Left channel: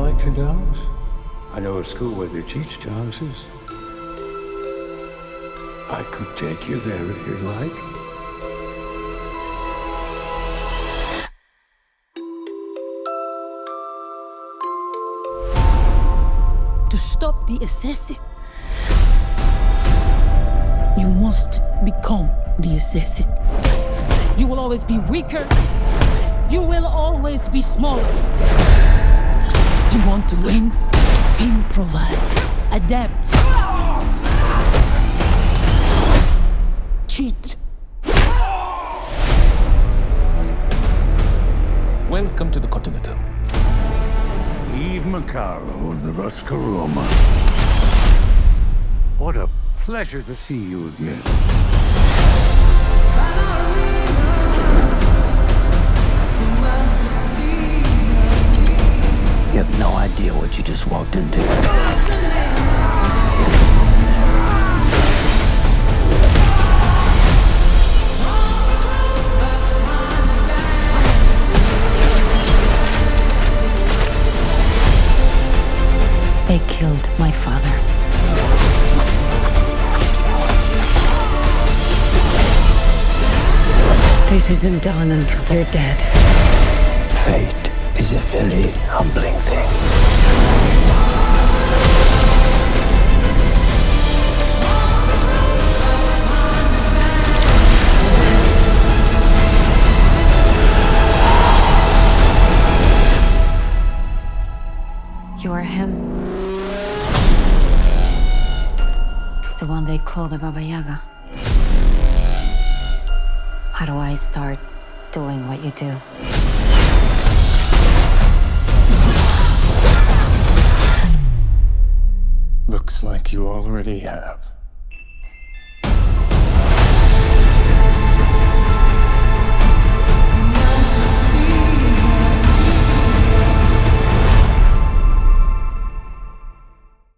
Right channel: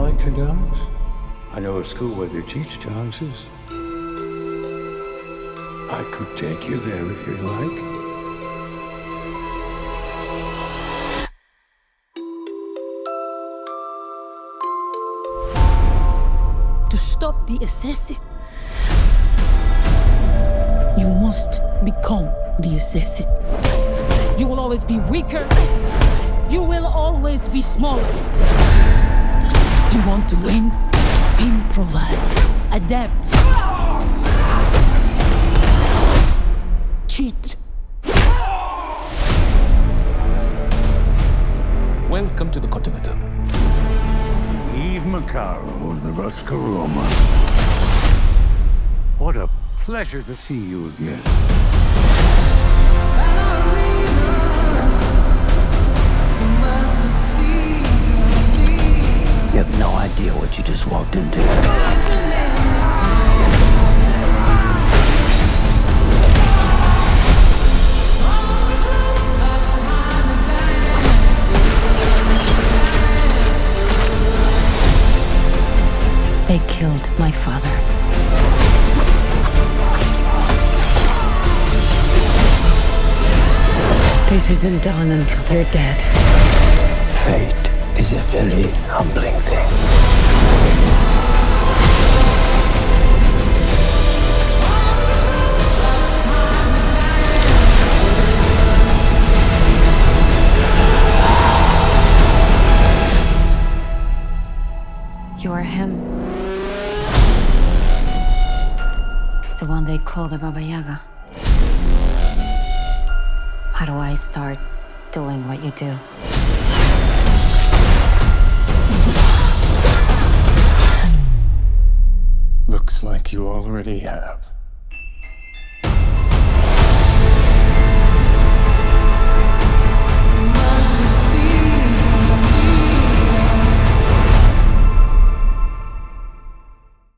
like to dance? I know a school where they teach dances. I could take you there if you'd like. To stop the assassin, you must become the assassin. You will always be weaker. You will always be smaller. You want to win? Improvise. Adapt. Cheat. Welcome to the Continental. Eve Macaro of the Roscaroma. What a pleasure to see you again. You have no idea what you just walked into. They killed my father. This isn't done until they're dead. Fate is a very humbling thing. You are him. The one they call the Baba Yaga. How do I start doing what you do? Looks like you already have.